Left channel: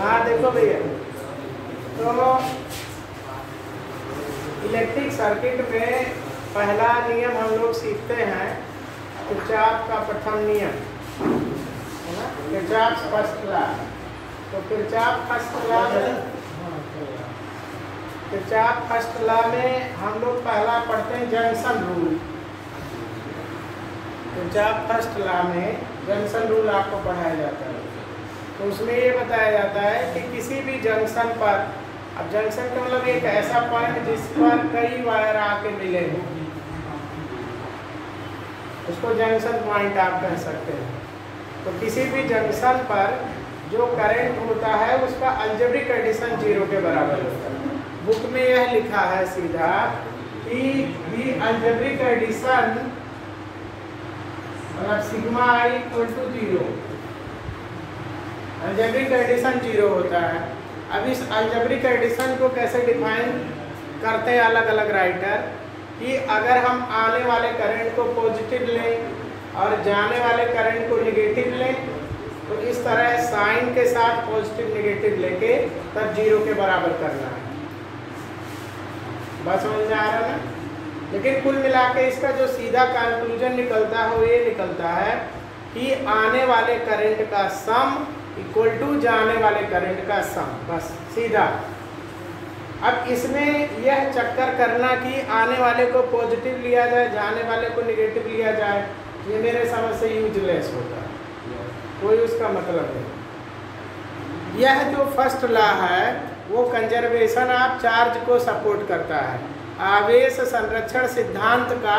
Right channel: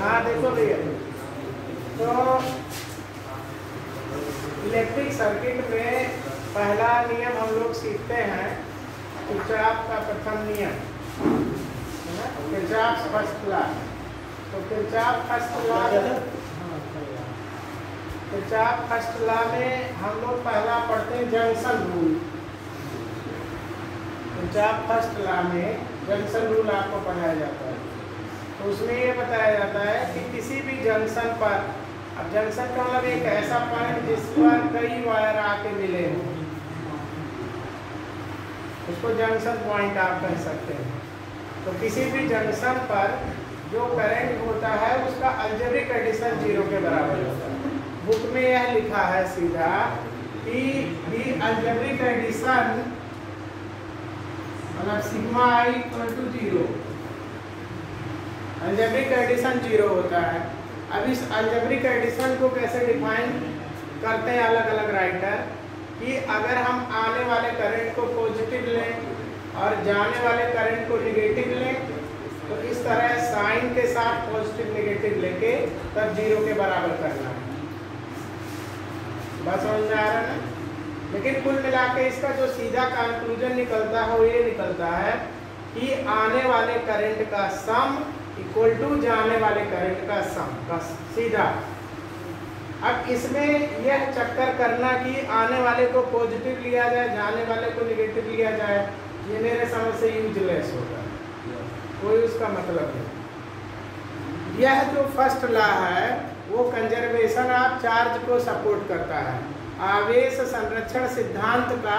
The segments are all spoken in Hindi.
हाँ देखो भैया, तो इलेक्ट्रिक सर्किट में पहला नियम हम लोग सीखते हैं किरचॉफ का प्रथम नियम, किरचॉफ फर्स्ट लॉ। तो किरचॉफ फर्स्ट लॉ में हम लोग पहला पढ़ते हैं junction rule. Kirchhoff first law में जंक्शन रूल आपको पढ़ाया जाता है। तो उसमें ये बताया जाता है कि किसी भी जंक्शन पर, अब जंक्शन का मतलब एक ऐसा पॉइंट जिस पर कई वायर आके मिले हैं, उसको जंक्शन पॉइंट आप कह सकते हैं। तो किसी भी जंक्शन पर जो करंट होता है उसका अलजेब्रिक एडिशन 0 के बराबर होता है। बुक में यह लिखा है सीधा कि दी अलजेब्रिक एडिशन मतलब sigma i equal to 0, algebraic addition 0 होता है। अब इस अलजेब्रिक एडिशन को कैसे डिफाइन करते हैं अलग अलग राइटर, कि अगर हम आने वाले करंट को पॉजिटिव लें और जाने वाले करंट को नेगेटिव लें, तो इस तरह साइन के साथ पॉजिटिव नेगेटिव लेके तब 0 के बराबर करना है। बस समझ में आ रहा है ना? लेकिन कुल मिला के इसका जो सीधा कंक्लूजन निकलता है वो ये निकलता है कि आने वाले करंट का सम इक्वल टू जाने वाले करंट का सम, बस सीधा। अब इसमें यह चक्कर करना कि आने वाले को पॉजिटिव लिया जाए, जाने वाले को नेगेटिव लिया जाए, ये मेरे समझ से यूजलेस होता है, कोई उसका मतलब नहीं। यह जो फर्स्ट लॉ है वो कंजर्वेशन ऑफ चार्ज को सपोर्ट करता है, आवेश संरक्षण सिद्धांत का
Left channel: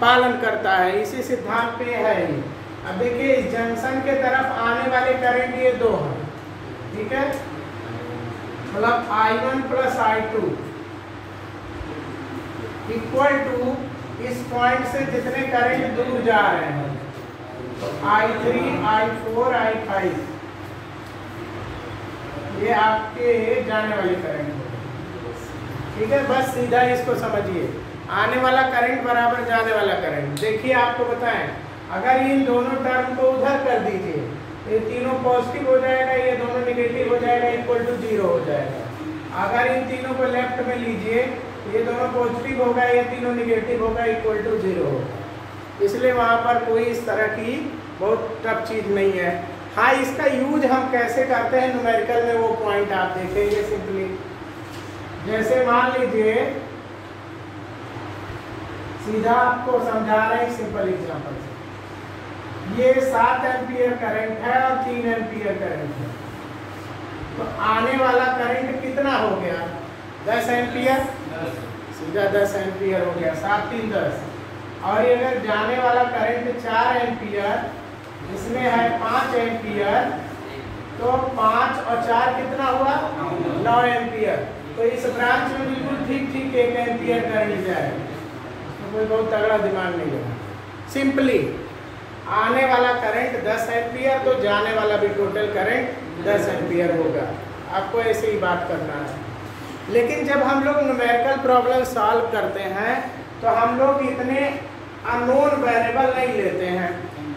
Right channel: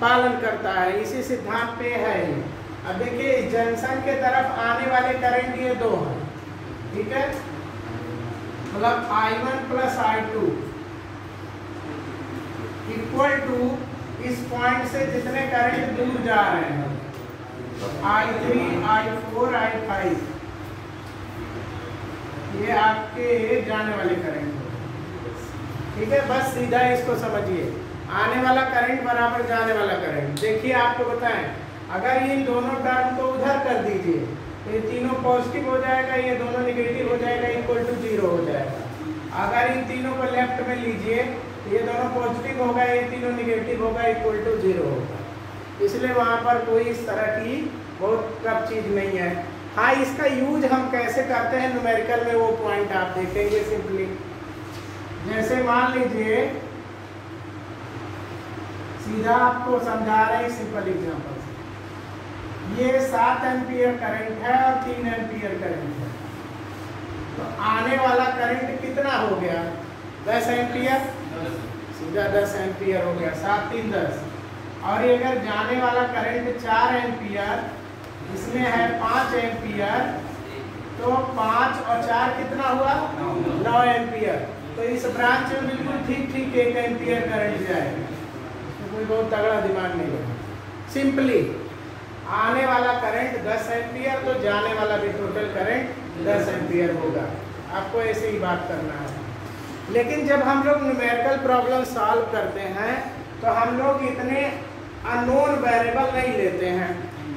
पालन करता है, इसी सिद्धांत पे है। अब देखिए इस जंक्शन के तरफ आने वाले करंट ये दो हैं, ठीक है, मतलब I1 plus I2 equal to इस पॉइंट से जितने करंट दूर जा रहे हैं, तो I3, I4, I5 ये आपके जाने वाले करंट हो, ठीक है। बस सीधा इसको समझिए, आने वाला करंट बराबर जाने वाला करंट। देखिए आपको बताएं, अगर इन दोनों टर्म को उधर कर दीजिए तो ये तीनों पॉजिटिव हो जाएगा, ये दोनों नेगेटिव हो जाएगा, इक्वल टू 0 हो जाएगा। अगर इन तीनों को लेफ्ट में लीजिए तो ये दोनों पॉजिटिव होगा, ये तीनों नेगेटिव होगा, इक्वल टू 0 होगा। इसलिए वहाँ पर कोई इस तरह की बहुत टफ चीज़ नहीं है। हाँ, इसका यूज हम कैसे करते हैं न्यूमेरिकल में, वो पॉइंट आप देखेंगे सिंपली। जैसे मान लीजिए, सीधा आपको समझा रहे हैं सिंपल एग्जांपल से, ये 7 एम्पियर करंट है और 3 एम्पियर करंट है, तो आने वाला करंट कितना हो गया? 10 एम्पियर, सीधा 10 एम्पियर हो गया, 7 3 10। और ये अगर जाने वाला करंट 4 एम्पियर, इसमें है 5 एम्पियर, तो 5 और 4 कितना हुआ? 9 एम्पियर। तो इस ब्रांच में बिल्कुल ठीक ठीक 1 एम्पियर करंट जाएगा, तो कोई बहुत तगड़ा दिमाग नहीं होगा। सिंपली आने वाला करंट 10 एम्पियर, तो जाने वाला भी टोटल करंट 10 एम्पियर होगा। आपको ऐसे ही बात करना है। लेकिन जब हम लोग न्यूमेरिकल प्रॉब्लम सॉल्व करते हैं तो हम लोग इतने अननोन वेरिएबल नहीं लेते हैं,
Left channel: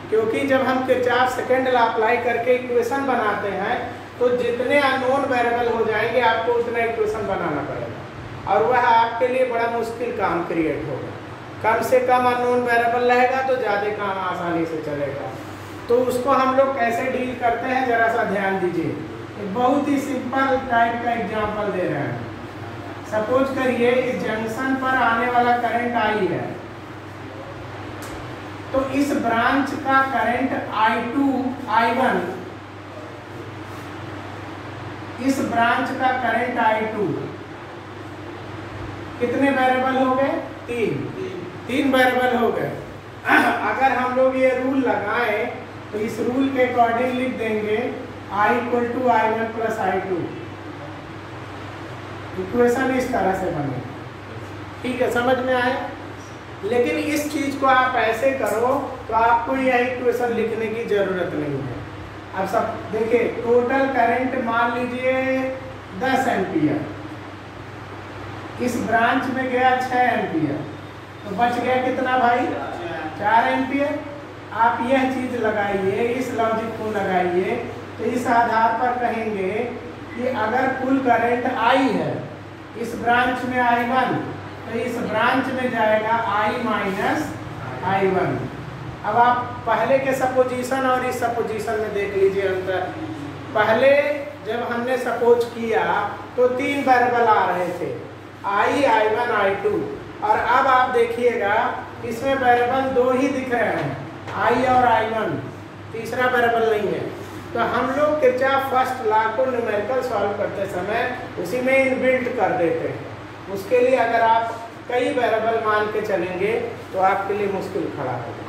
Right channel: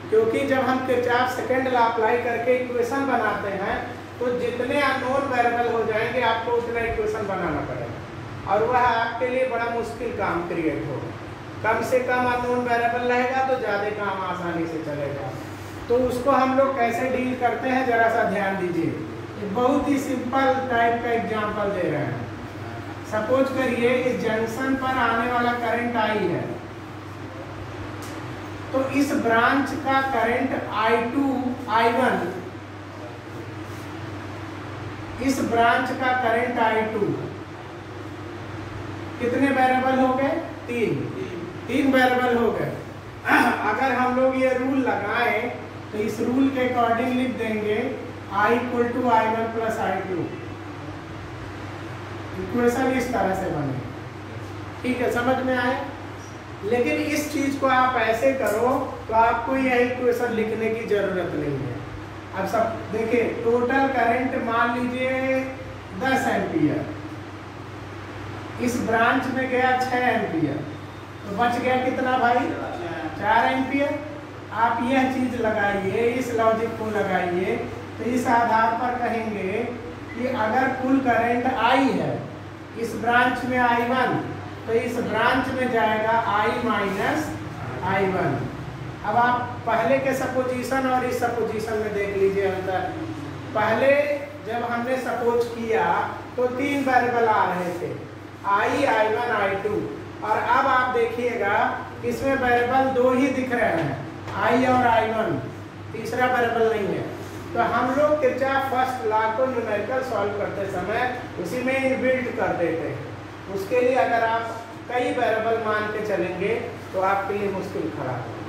क्योंकि जब हम किरचॉफ सेकंड लॉ अप्लाई करके इक्वेशन बनाते हैं तो जितने अननोन वेरिएबल हो जाएंगे आपको उतना इक्वेशन बनाना पड़ेगा, और वह आपके लिए बड़ा मुश्किल काम क्रिएट होगा। कम से कम अननोन वेरिएबल रहेगा तो ज़्यादा काम आसानी से चलेगा। तो उसको हम लोग कैसे डील करते हैं जरा सा ध्यान दीजिए। बहुत ही सिंपल टाइप का एग्जांपल दे रहे हैं। सपोज करिए इस जंक्शन पर आने वाला करंट I है, तो इस ब्रांच का करंट I2, I1, इस ब्रांच का करंट I2 कितने वेरिएबल हो गए? 3 वेरिएबल हो गए। अगर हम लोग ये रूल लगाएं तो इस रूल के अकॉर्डिंग लिख देंगे I equal to I1 plus I2। Equation इस तरह से बने, ठीक है, समझ में आए। लेकिन इस चीज को आप ऐसे करो तो आपको यह इक्वेशन लिखने की जरूरत नहीं है। अब सब देखिए, टोटल करंट मान लीजिए 10 एम्पियर, इस ब्रांच में गया 6 एम्पियर, तो बच गया कितना भाई? 4 एम्पियर। आप यह चीज लगाइए, इस लॉजिक को लगाइए तो इस आधार पर कहेंगे कि अगर कुल करंट I है, इस ब्रांच में I1, तो इस ब्रांच में जाएगा I माइनस I1। अब आप पहले के सपोजिशन और इस सपोजिशन में देख लीजिए अंतर। पहले जब हमने सपोज किया तो 3 वेरिएबल आ रहे थे, I, I1, I2, और अब आप देखिएगा इसमें वेरिएबल 2 ही दिख रहे हैं, I और I1, तीसरा वेरिएबल नहीं है। तो हम लोग किरचॉफ फर्स्ट लॉ को न्यूमेरिकल सॉल्व करते समय उसी में इनबिल्ट कर देते हैं। उसके लिए अगर आप कई वेरिएबल मान के चलेंगे तो आपके लिए मुश्किल खड़ा होगा।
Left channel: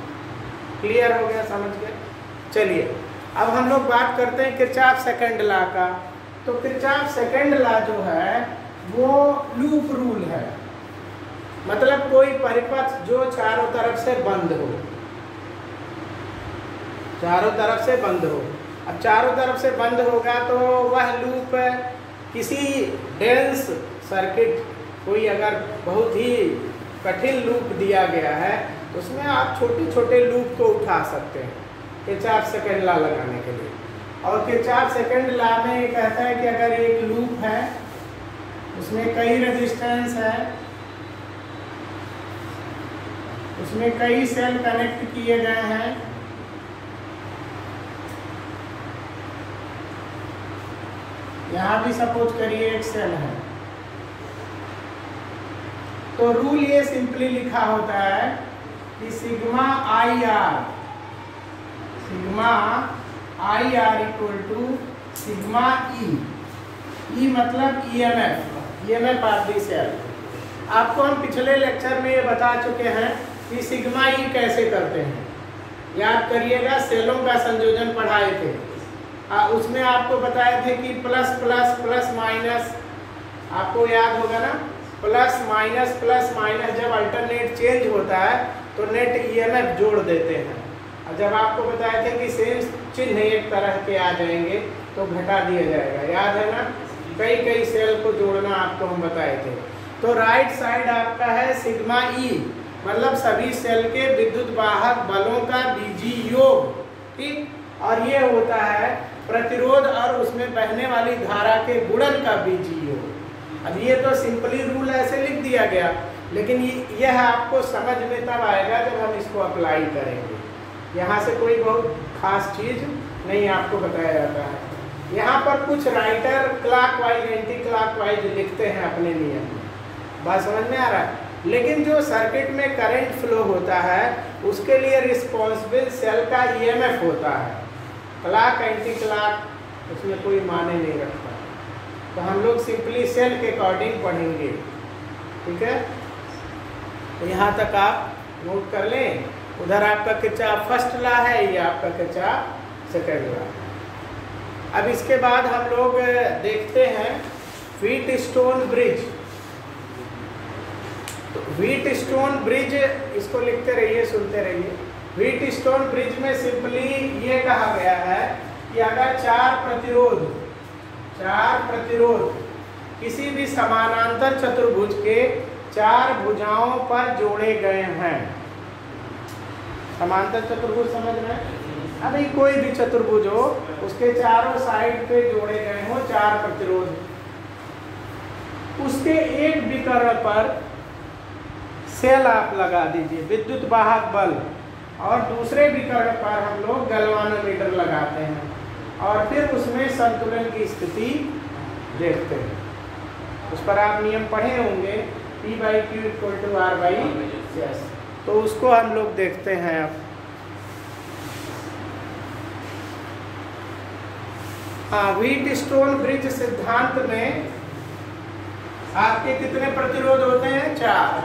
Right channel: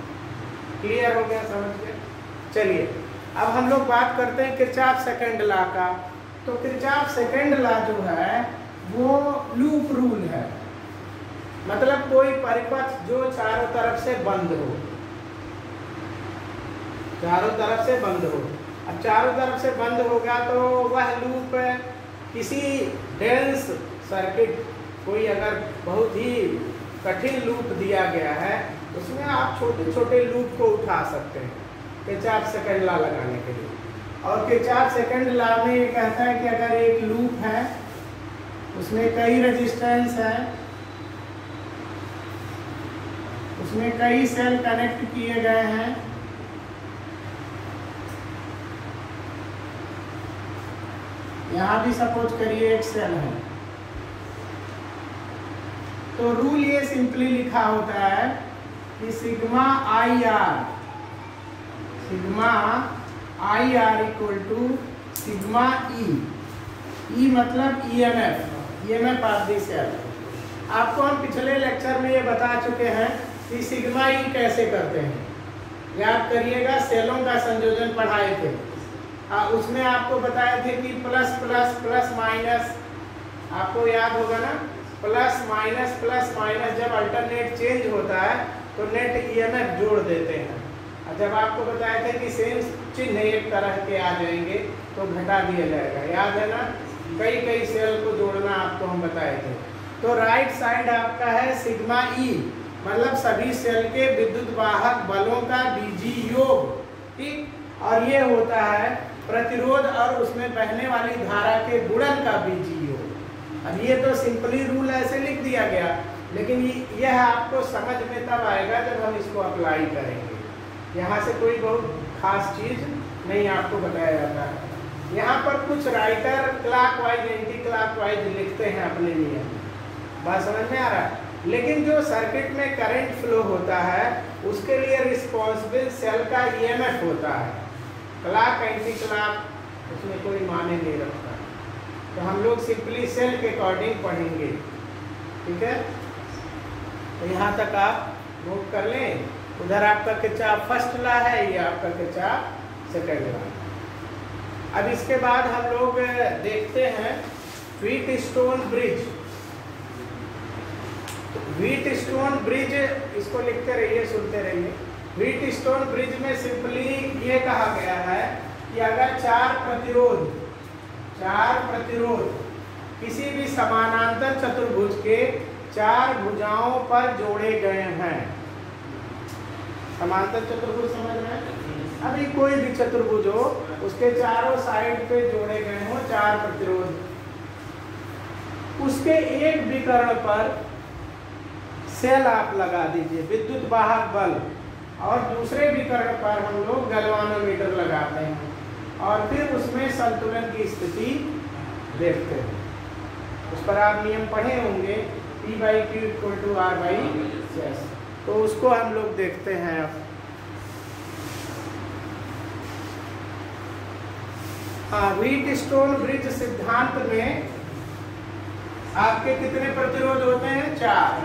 क्लियर हो गया, समझ गए? चलिए अब हम लोग बात करते हैं किरचॉफ सेकंड लॉ का। तो किरचॉफ सेकंड लॉ जो है वो लूप रूल है, मतलब कोई परिपथ जो चारों तरफ से बंद हो, चारों तरफ से बंद हो। अब चारों तरफ से बंद होगा तो वह लूप किसी डेंस सर्किट, कोई अगर बहुत ही कठिन लूप दिया गया है उसमें आप छोटे छोटे लूप को उठा सकते हैं किरचॉफ सेकंड लॉ लगाने के लिए। और किरचॉफ सेकंड लॉ में ये कहता है कि अगर एक लूप है उसमें कई रेजिस्टेंस है, उसमें कई सेल कनेक्ट किए गए हैं, यहां भी सपोज करिए एक सेल है, तो रूल ये सिंपली लिखा होता है कि sigma I R equal to sigma E मतलब ईएमएफ ऑफ दी सेल। आपको हम पिछले लेक्चर में ये बता चुके हैं कि सिग्मा ई कैसे करते हैं, याद करिएगा, सेलों का संयोजन पढ़ाए थे। उसमें आपको बताए थे कि प्लस प्लस प्लस माइनस, आपको याद होगा ना, प्लस माइनस जब अल्टरनेट चेंज होता है तो नेट ईएमएफ जोड़ देते हैं। और जब आपको बताए थे कि सेम चिन्ह एक तरह के आ जाएंगे तो घटा दिया जाएगा, याद है ना, कई सेल को जोड़ना आपको हम बताए थे। तो राइट साइड आपका है सिग्मा ई, मतलब सभी सेल के विद्युत वाहक बलों का बीजीय योग, ठीक। और ये होता है प्रतिरोध और उसमें बहने वाली धारा के गुणन का बीजीय योग। अब ये तो सिंपली रूल ऐसे लिख दिया गया, लेकिन यह आपको समझ में तब आएगा जब हम इसको अप्लाई करेंगे। यहाँ से कोई बहुत खास चीज नहीं आपको बताया जाता है। यहाँ पर कुछ राइटर क्लॉकवाइज एंटी क्लॉकवाइज लिखते हैं अपने नियम, बात समझ में आ रहा है। लेकिन जो सर्किट में करंट फ्लो होता है उसके लिए रिस्पॉन्सिबल सेल का ईएमएफ होता है, क्लॉक एंटी क्लॉक उसमें कोई माने नहीं रखता। तो हम लोग सिंपली सेल के अकॉर्डिंग पढ़ेंगे, ठीक है। तो यहाँ तक आप नोट कर लें। उधर आपका किरचॉफ फर्स्ट लॉ है, ये आपका किरचॉफ सेकंड लॉ। अब इसके बाद हम लोग देखते हैं व्हीटस्टोन ब्रिज। व्हीटस्टोन ब्रिज, इसको लिखते रहिए, सुनते रहिए। व्हीटस्टोन ब्रिज में सिंपली ये कहा गया है कि अगर चार प्रतिरोध किसी भी समानांतर चतुर्भुज के चार भुजाओं पर जोड़े गए हैं, समांतर चतुर्भुज समझ रहे हैं, अभी कोई भी चतुर्भुज हो उसके चारों साइड पे जोड़े गए हो चार प्रतिरोध, उसके एक विकर्ण पर सेल आप लगा दीजिए विद्युत वाहक बल, और दूसरे विकर्ण पर हम लोग गैल्वानोमीटर लगाते हैं और फिर उसमें संतुलन की स्थिति देखते हैं। उस पर आप नियम पढ़े होंगे, P/Q = R/S, तो उसको हम लोग देखते हैं। अब हाँ, व्हीटस्टोन ब्रिज सिद्धांत में आपके कितने प्रतिरोध होते हैं? 4।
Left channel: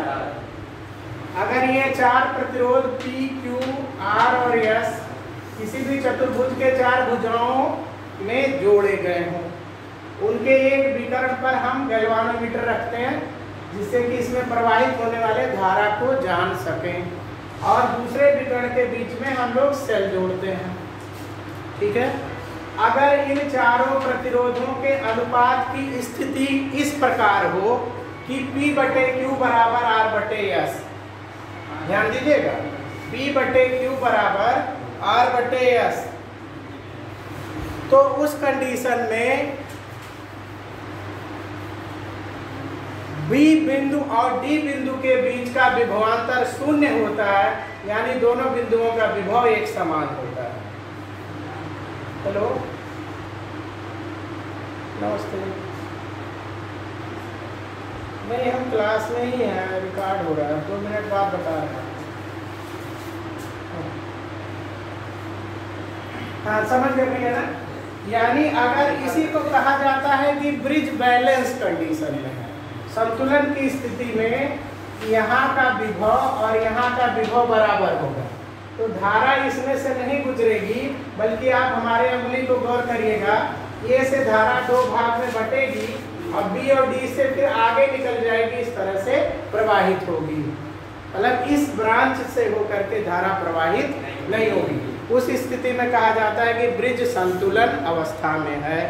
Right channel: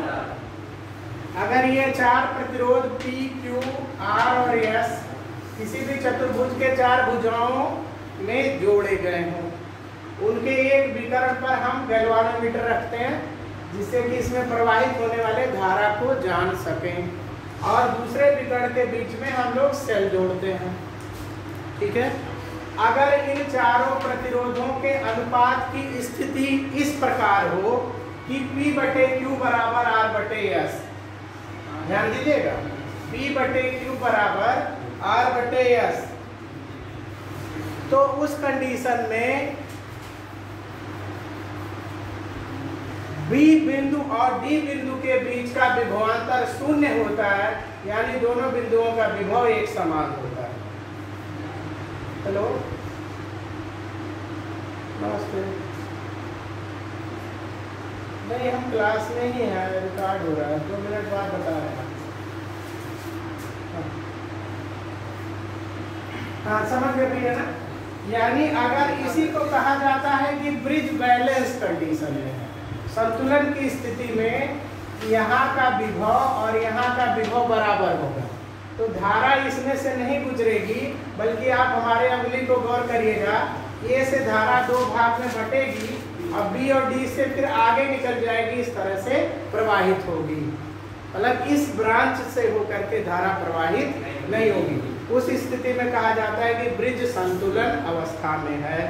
अगर ये 4 प्रतिरोध P, Q, R और S किसी भी चतुर्भुज के 4 भुजाओं में जोड़े गए हों, उनके एक विकर्ण पर हम गैल्वानोमीटर रखते हैं जिससे कि इसमें प्रवाहित होने वाले धारा को जान सकें, और दूसरे विकर्ण के बीच में हम लोग सेल जोड़ते हैं, ठीक है। अगर इन चारों प्रतिरोधों के अनुपात की स्थिति इस प्रकार हो कि P/Q बराबर R/S, ध्यान दीजिएगा, P/Q बराबर R/S, तो उस कंडीशन में बी बिंदु और डी बिंदु के बीच का विभवांतर शून्य होता है, यानी दोनों बिंदुओं का विभव एक समान होता है। हेलो, नमस्ते। नहीं, हम क्लास में ही हैं, रिकॉर्ड हो रहा है, 2 मिनट बाद बता रहे हैं। हाँ, समझ गए भैया ना? यानी अगर इसी को कहा जाता है कि ब्रिज बैलेंस कंडीशन में है, संतुलन की स्थिति में यहाँ का विभव और यहाँ का विभव बराबर होगा, तो धारा इसमें से नहीं गुजरेगी, बल्कि आप हमारे अंगुली को गौर करिएगा, ए से धारा 2 भाग में बटेगी और बी और डी से फिर आगे निकल जाएगी, इस तरह से प्रवाहित होगी। मतलब इस ब्रांच से होकर के धारा प्रवाहित नहीं होगी। उस स्थिति में कहा जाता है कि ब्रिज संतुलन अवस्था में है।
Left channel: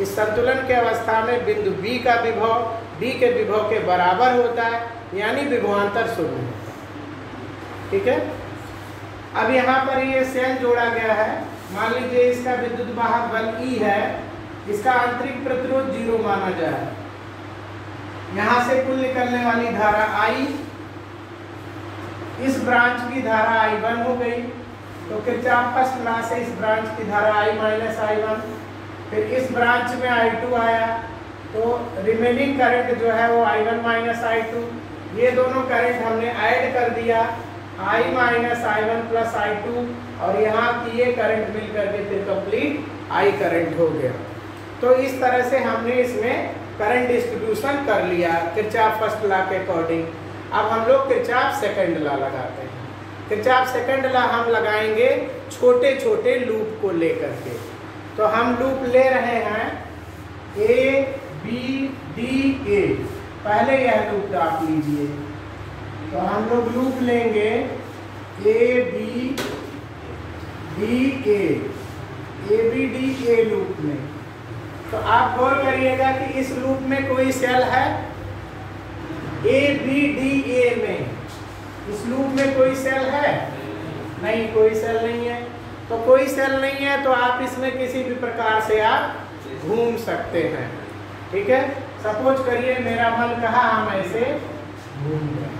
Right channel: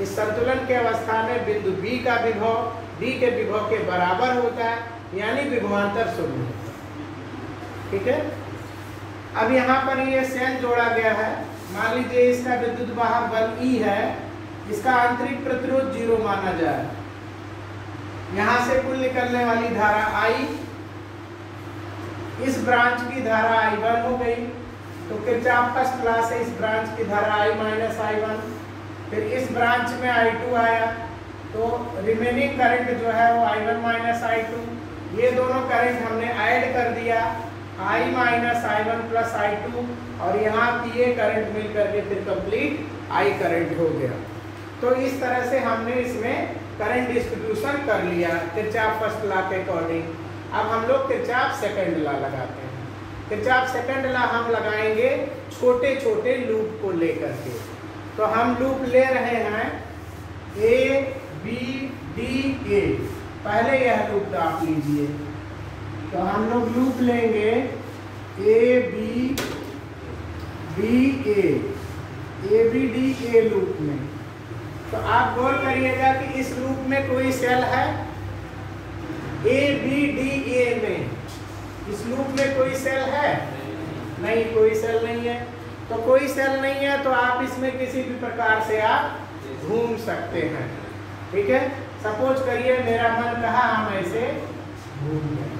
इस संतुलन के अवस्था में बिंदु बी का विभव डी के विभव के बराबर होता है, यानी विभवांतर शून्य होता है। ठीक है। अब यहाँ पर ये सेल जोड़ा गया है। मान लीजिए इसका विद्युत वाहक बल E है, इसका आंतरिक प्रतिरोध 0 माना जाए। यहाँ से कुल निकलने वाली धारा I, इस ब्रांच की धारा I1 हो गई, तो किरचॉफ फर्स्ट लॉ से इस ब्रांच की धारा I माइनस I1, फिर इस ब्रांच में I2 आया, तो रिमेनिंग करंट जो है वो I1 माइनस I2, ये दोनों करंट हमने ऐड कर दिया, I minus I1 plus I2, और यहाँ की ये करंट मिल करके फिर कंप्लीट I करंट हो गया। तो इस तरह से हमने इसमें करंट डिस्ट्रीब्यूशन कर लिया किरचॉफ फर्स्ट लॉ के अकॉर्डिंग। अब हम लोग किरचॉफ सेकंड लॉ लगाते हैं। किरचॉफ सेकंड लॉ हम लगाएंगे छोटे छोटे लूप को लेकर के। तो हम लूप ले रहे हैं A B D A। पहले यह लूप आप लीजिए, तो हम लोग लूप लेंगे A B D A, A B D A loop में। तो आप गौर करिएगा कि इस लूप में कोई सेल है A B D A में, इस लूप में कोई सेल है नहीं, कोई सेल नहीं है। तो कोई सेल नहीं है तो आप इसमें किसी भी प्रकार से आप घूम सकते हैं। ठीक है। सपोज करिए मेरा मन कहा हम ऐसे घूम जाए,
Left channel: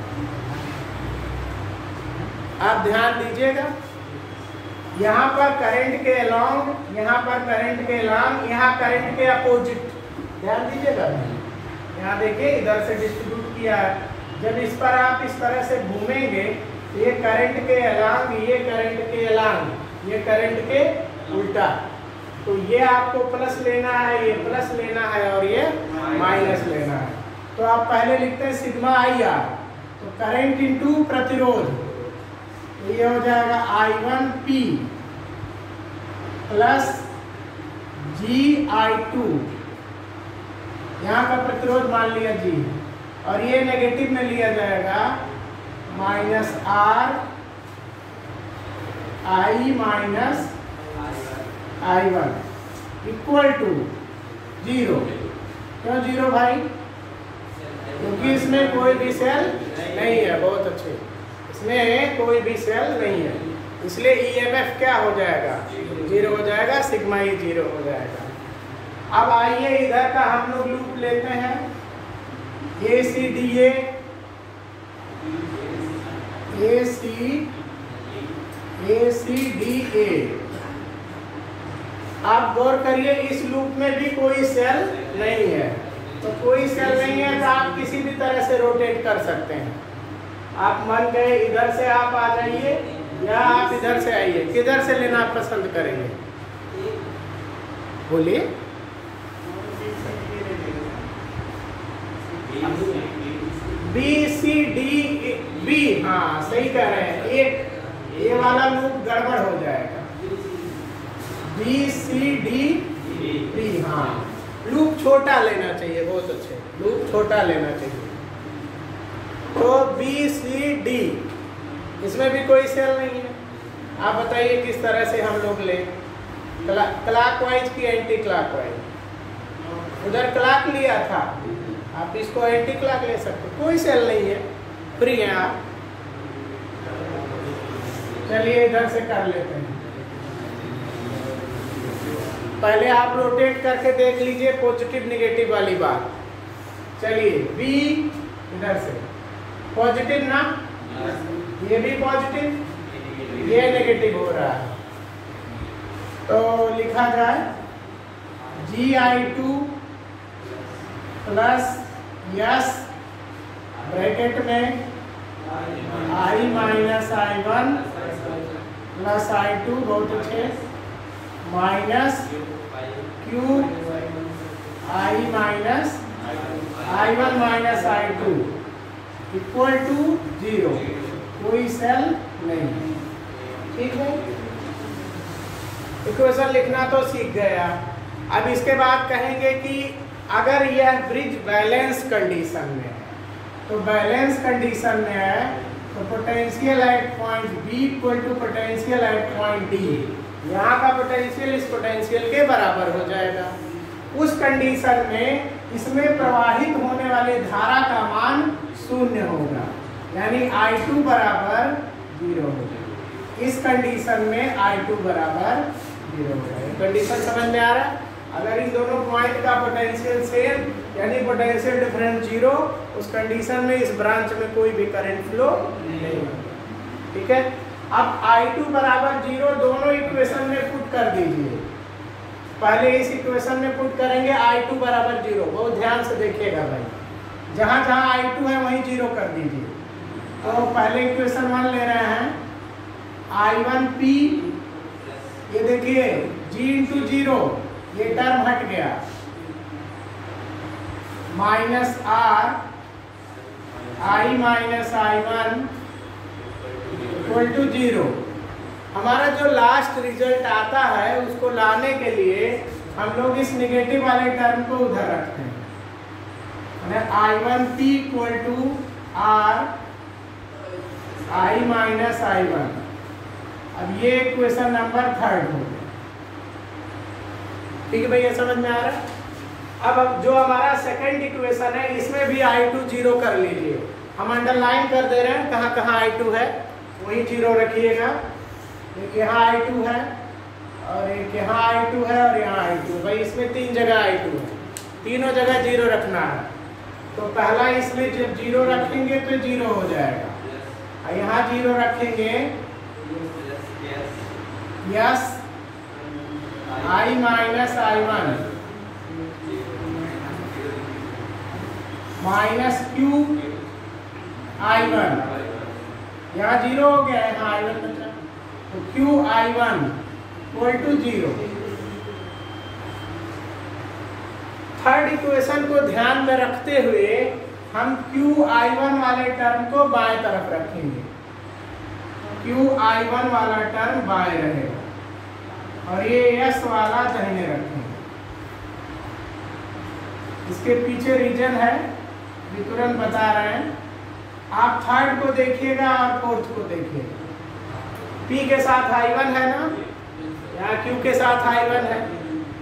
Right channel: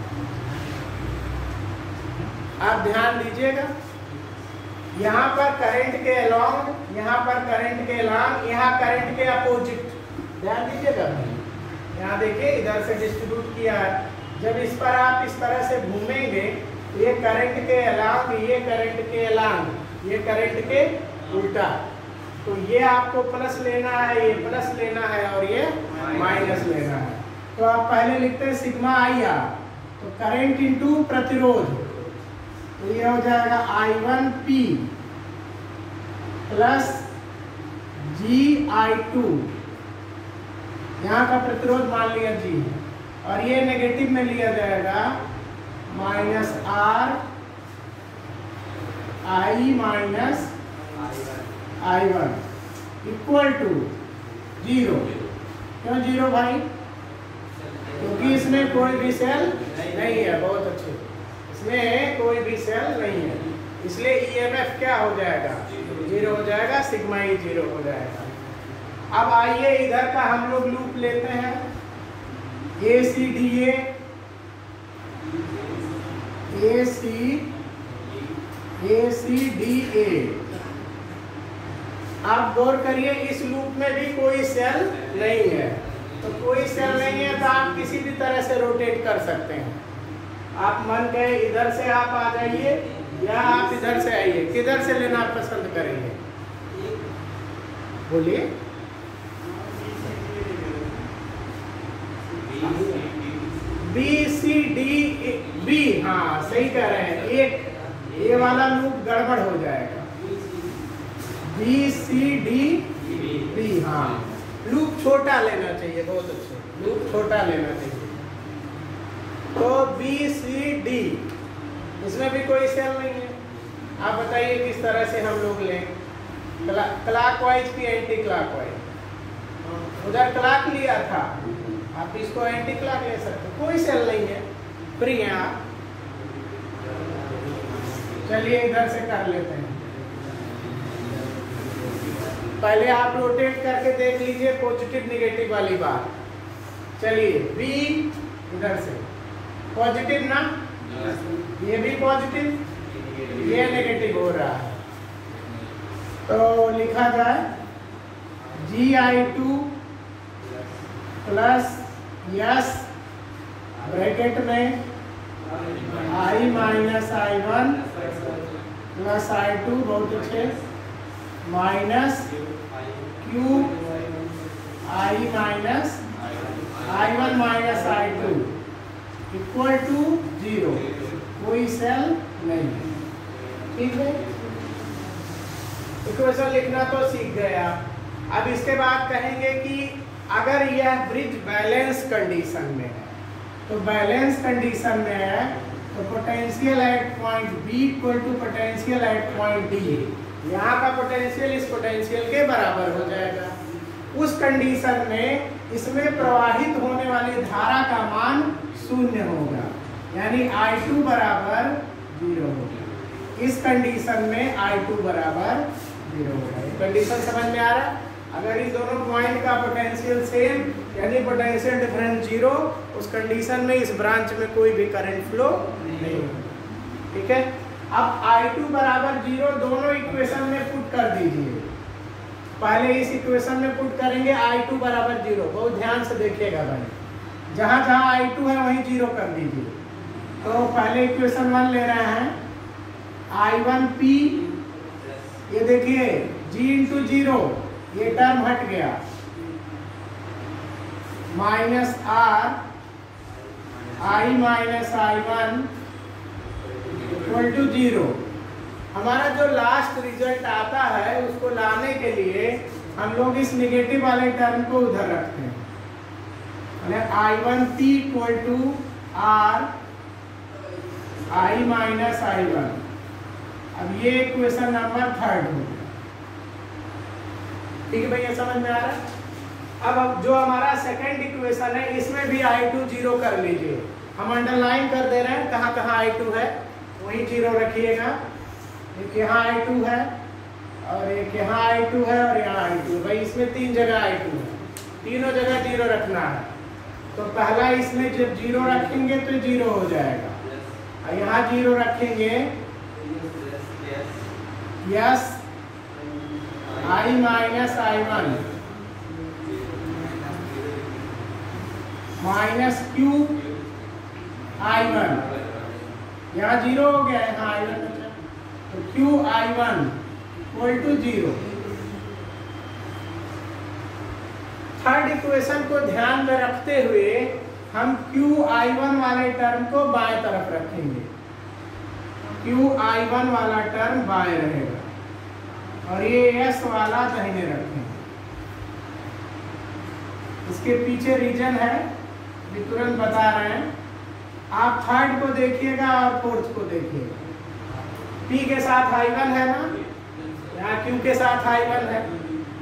आप ध्यान दीजिएगा, यहाँ पर करंट के अलोंग, यहाँ पर करंट के अलोंग, यहाँ करंट के अपोजिट, ध्यान दीजिएगा। यहाँ देखिए इधर से डिस्ट्रीब्यूट किया है। जब इस पर आप इस तरह से घूमेंगे, ये करंट के अलोंग, ये करंट के अलोंग, ये करंट के उल्टा, तो ये आपको प्लस लेना है, ये प्लस लेना है और ये माइनस लेना है। तो आप पहले लिखते हैं सिग्मा आई आर, तो करंट इंटू प्रतिरोध, तो ये हो जाएगा I1P प्लस GI2, यहाँ का प्रतिरोध मान लिया G, और ये नेगेटिव में लिया जाएगा minus R I minus I1 equal to 0। क्यों 0 भाई? क्योंकि इसमें कोई भी सेल नहीं है। बहुत अच्छे, इसमें कोई भी सेल नहीं है, इसलिए EMF क्या हो जाएगा? 0 हो जाएगा, सिग्मा E 0 हो जाएगा। अब आइए इधर का हम लोग लूप लेते हैं, ACDA, ACDA। आप गौर करिए इस लूप में भी कोई सेल नहीं है, तो कोई सेल नहीं है तो आप किसी भी तरह से रोटेट कर सकते हैं। आप मन गए इधर से आप आ जाइए या आप इधर से आइए, किधर से लेना पसंद करेंगे बोलिए? BCDB, हाँ सही कह रहे हैं, ये वाला लूप गड़बड़ हो जाएगा। BCDB, हाँ लूप छोटा लेना चाहिए, बहुत अच्छे, लूप छोटा लेना चाहिए। तो BCD, इसमें भी कोई सेल नहीं है। आप बताइए किस तरह से हम लोग लें? क्लॉकवाइज की एंटी क्लॉकवाइज? उधर क्लॉक लिया था, आप इसको एंटी क्लॉक ले सकते, कोई सेल नहीं है, फ्री है आप। चलिए इधर से कर लेते हैं। पहले आप रोटेट करके देख लीजिए पॉजिटिव निगेटिव वाली बात। चलिए बी इधर से पॉजिटिव ना, ये भी पॉजिटिव, ये नेगेटिव हो रहा है, तो लिखा जाए GI2 प्लस यस ब्रैकेट में I minus I1 plus I2 बहुत अच्छे minus Q I minus I1 minus I2 equal to 0, कोई सेल नहीं। ठीक है, इक्वेशन लिखना तो सीख गया। अब इसके बाद कहेंगे कि अगर यह ब्रिज बैलेंस कंडीशन में है, तो बैलेंस कंडीशन में है तो potential at point B equal to potential at point D, यहाँ का पोटेंशियल इस पोटेंशियल के बराबर हो जाएगा। उस कंडीशन में इसमें प्रवाहित होने वाली धारा का मान 0 होगा, यानी I2 बराबर 0 होगा। इस कंडीशन में I2 बराबर 0 होगा। कंडीशन समझ में आ रहा है? अगर इन दोनों पॉइंट का पोटेंशियल सेम यानी पोटेंशियल डिफरेंस 0, उस कंडीशन में इस ब्रांच में कोई भी करंट फ्लो नहीं होगा। ठीक है, अब I2 बराबर 0 दोनों इक्वेशन में पुट कर दीजिए। पहले इस इक्वेशन में पुट करेंगे I2 बराबर 0, बहुत ध्यान से देखिएगा भाई, जहां जहां I2 है वहीं 0 कर दीजिए। तो पहले इक्वेशन 1 ले रहे हैं, I1P, ये देखिए G इंटू 0, ये टर्म हट गया, minus R I minus I1 equal to 0। हमारा जो लास्ट रिजल्ट आता है उसको लाने के लिए हम लोग इस निगेटिव वाले टर्म को उधर रखते हैं, I1P equal to R I minus I1। अब ये इक्वेशन नंबर 3 हो गया। ठीक है भैया, समझ में आ रहा है? अब जो हमारा सेकंड इक्वेशन है इसमें भी I2 0 कर लीजिए। हम अंडरलाइन कर दे रहे हैं कहाँ कहाँ I2 है, वही 0 रखिएगा। एक यहाँ I2 है और एक यहाँ I2 है और यहाँ I2 है। भाई इसमें 3 जगह I2 है, तीनों जगह 0 रखना है। तो पहला इसमें जब 0 रखेंगे तो 0 हो जाएगा, और यहाँ 0 रखेंगे yes I minus I1 minus Q I1, यहाँ 0 हो गया, यहाँ I1 बचा, तो Q I1 equal to 0। Third equation को ध्यान में रखते हुए हम Q I1 वाले टर्म को बाएं तरफ रखेंगे, Q I1 वाला टर्म बाएं रहेगा और ये S वाला दाहिने रखेंगे। इसके पीछे रीजन है, भी तुरंत बता रहे हैं। आप थर्ड को देखिएगा और फोर्थ को देखिएगा। P के साथ I1 है ना, यहाँ Q के साथ I1 है,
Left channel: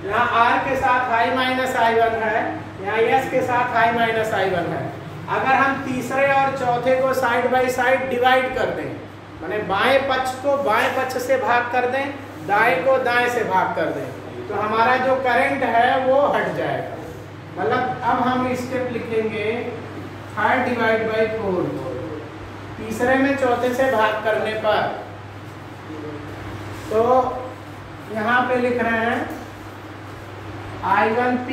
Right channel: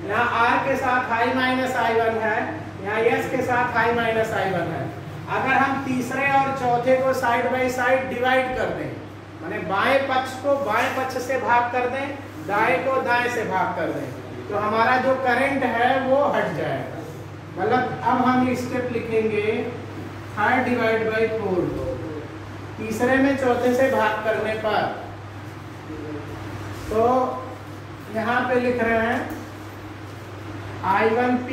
यहाँ R के साथ I माइनस I1 है, यहाँ S के साथ I माइनस I1 है। अगर हम तीसरे और चौथे को साइड बाय साइड डिवाइड कर दें, माने बाएं पक्ष को बाएं पक्ष से भाग कर दें, दाएं को दाएं से भाग कर दें, तो हमारा जो करंट है वो हट जाएगा। मतलब अब हम स्टेप लिखेंगे 3 डिवाइड बाई 4, तीसरे में चौथे से भाग करने पर। तो यहाँ पे लिख रहे हैं I1P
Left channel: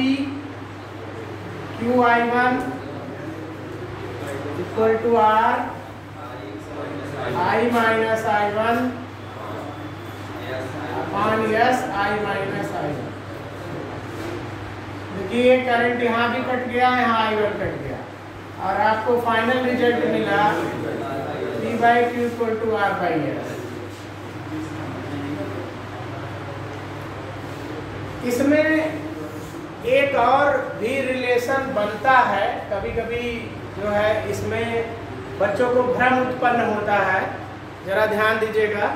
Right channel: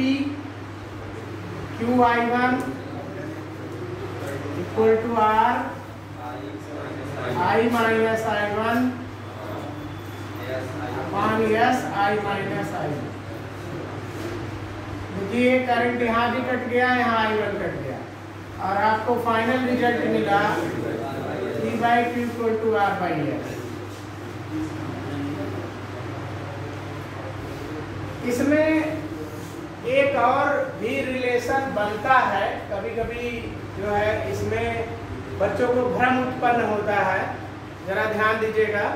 Q I1 equal to R I minus I1 upon S I minus I1। देखिए करंट यहाँ भी कट गया, यहाँ I1 कट गया, और आपको फाइनल रिजल्ट मिला P by Q equal to R by S। इसमें एक और भी रिलेशन बनता है, कभी कभी जो है इसमें बच्चों को भ्रम उत्पन्न होता है, जरा ध्यान दीजिएगा।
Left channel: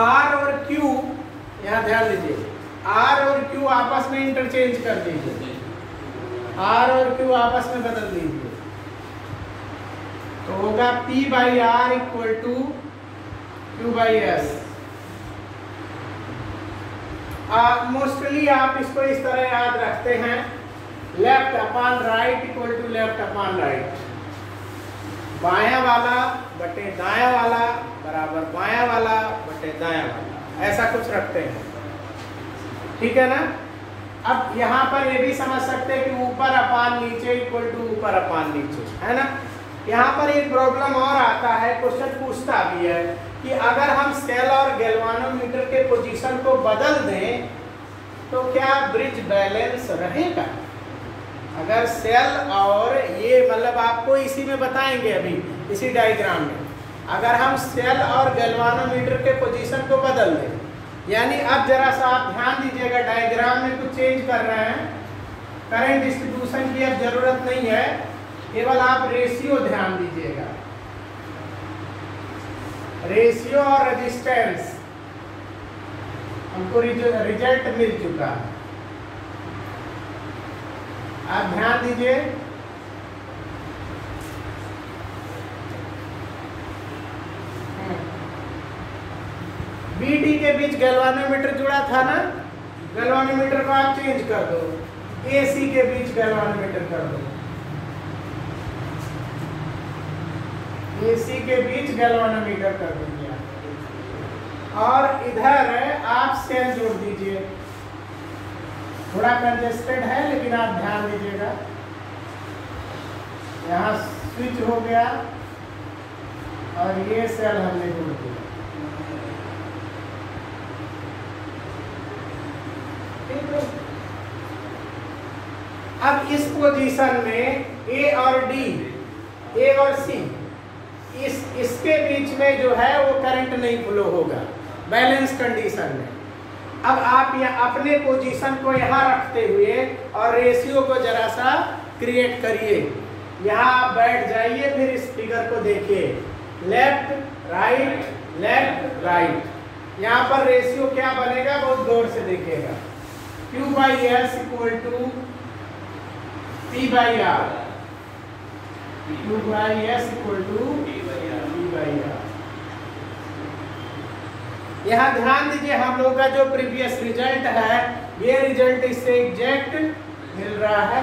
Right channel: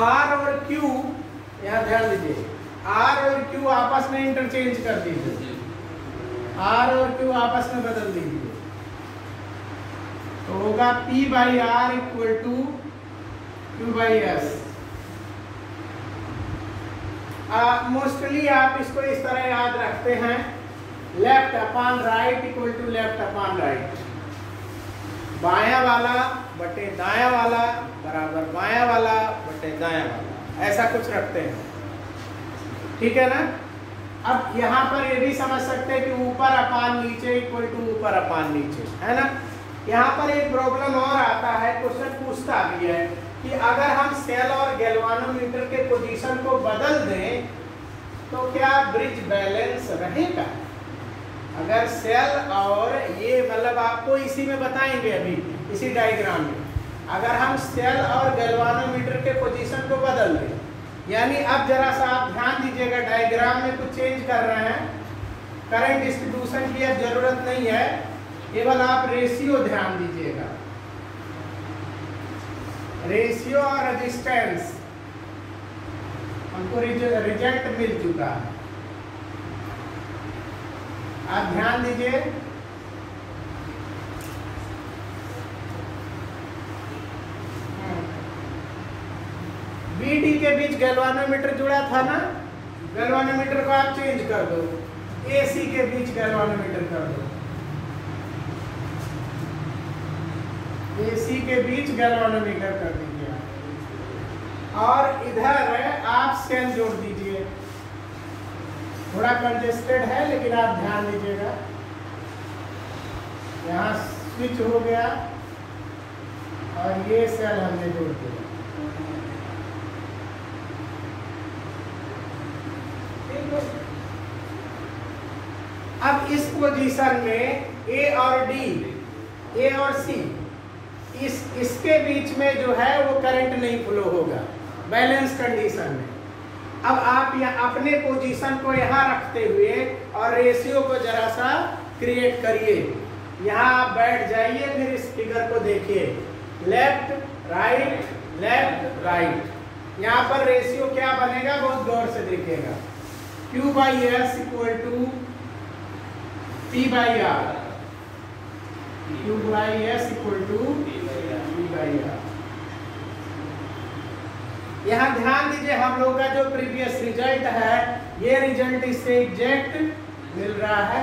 R और Q, यहाँ ध्यान दीजिए, R और Q आपस में इंटरचेंज कर दीजिए, R और Q आपस में बदल दीजिए, तो होगा P by R equal to Q by S। Mostly आप इसको इस तरह याद रखते हैं, left upon right equal to left upon right. बायां वाला बटे दायां वाला बराबर बायां वाला बटे दायां वाला, ऐसा कुछ रखते हैं, ठीक है ना। अब यहाँ पर ये भी समझ सकते हैं कि ऊपर अपान नीचे इक्वल टू ऊपर अपान नीचे, है ना। यहाँ पर एक प्रॉब्लम और आता है, क्वेश्चन पूछता भी है कि अगर हम सेल और गैल्वानोमीटर के पोजीशन को बदल दें तो क्या ब्रिज बैलेंस रहेगा। अगर सेल और ये मतलब आपको इसी में बताएंगे अभी इसी डायग्राम में, अगर हम सेल और गैल्वानोमीटर के पोजीशन को बदल दें, यानी अब जरा सा आप ध्यान दीजिएगा, डायग्राम में कुछ चेंज कर रहे हैं, करंट डिस्ट्रीब्यूशन की अब जरूरत नहीं है, केवल आप रेशियो ध्यान दीजिएगा, रेशियो और रेजिस्टेंस हमको रिजल्ट मिल चुका है। आप ध्यान दीजिए, बीडी के बीच गैल्वानोमीटर जुड़ा था ना, गैल्वानोमीटर को आप चेंज कर दो, एसी के बीच गैल्वानोमीटर कर दो, एसी के बीच गैल्वानोमीटर कर दीजिए और इधर आप सेल जोड़ दीजिए। थोड़ा कंजेस्टेड है लेकिन आप ध्यान दीजिएगा, यहाँ स्विच हो गया और ये सेल हमने जोड़ दिया, ठीक है। अब इस पोजीशन में ए और डी, ए और सी, इसके बीच में जो है वो करंट नहीं फ्लो होगा बैलेंस कंडीशन में। अब आप यहाँ अपने पोजीशन को यहाँ रखते हुए और रेशियो को जरा सा क्रिएट करिए, यहाँ आप बैठ जाइए, फिर इस फिगर को देखिए, लेफ्ट राइट, यहाँ पर रेशियो क्या बनेगा बहुत गौर से देखिएगा, Q/S equal to P/R, Q/S equal to P/R। यहाँ ध्यान दीजिए, हम लोग का जो प्रीवियस रिजल्ट है ये रिजल्ट इससे एग्जैक्ट मिल रहा है,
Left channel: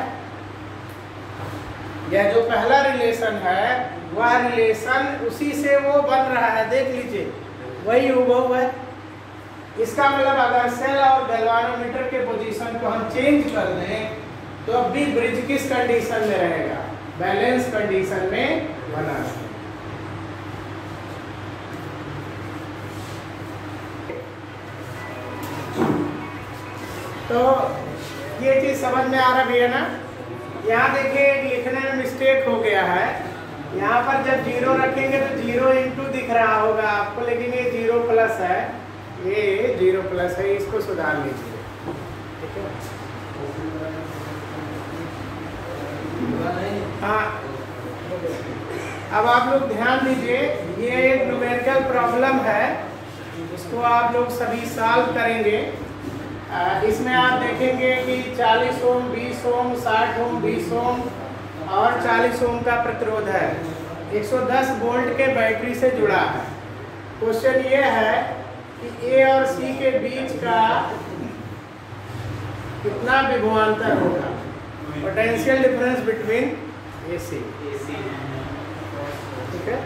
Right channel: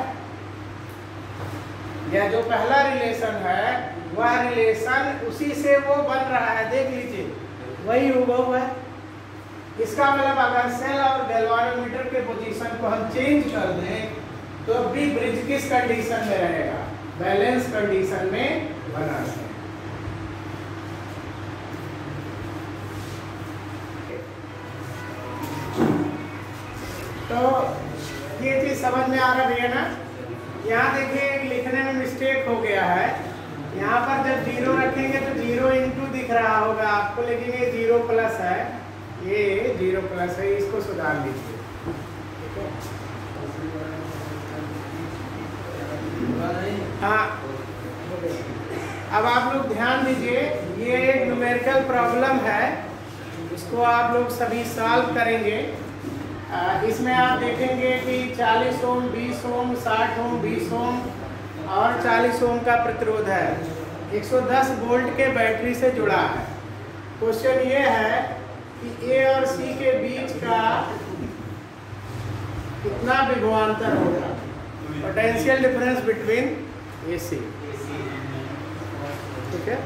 या जो पहला रिलेशन है वह रिलेशन उसी से वो बन रहा है, देख लीजिए वही हुबहू है। इसका मतलब अगर सेल और गैल्वानोमीटर के पोजीशन को हम चेंज कर दें तो अब भी ब्रिज किस कंडीशन में रहेगा, बैलेंस कंडीशन में बना है। तो ये चीज समझ में आ रही है ना। यहाँ देखिए लिखने में मिस्टेक हो गया है, यहाँ पर जब जीरो रखेंगे तो 0 इंटू दिख रहा होगा आपको, लेकिन ये 0 प्लस है, ये 0 प्लस है, इसको सुधार लीजिए, ठीक है। हाँ, अब आप लोग ध्यान दीजिए, ये एक न्यूमेरिकल प्रॉब्लम है, इसको आप लोग सभी सॉल्व करेंगे। इसमें आप देखेंगे कि 40 ओम, 20 ओम, 60 ओम, 20 ओम और 40 ओम का प्रतिरोध है, 110 वोल्ट के बैटरी से जुड़ा है। क्वेश्चन ये है कि ए और सी के बीच का कितना विभवांतर होगा, पोटेंशियल डिफरेंस बिटवीन ए सी, ठीक है।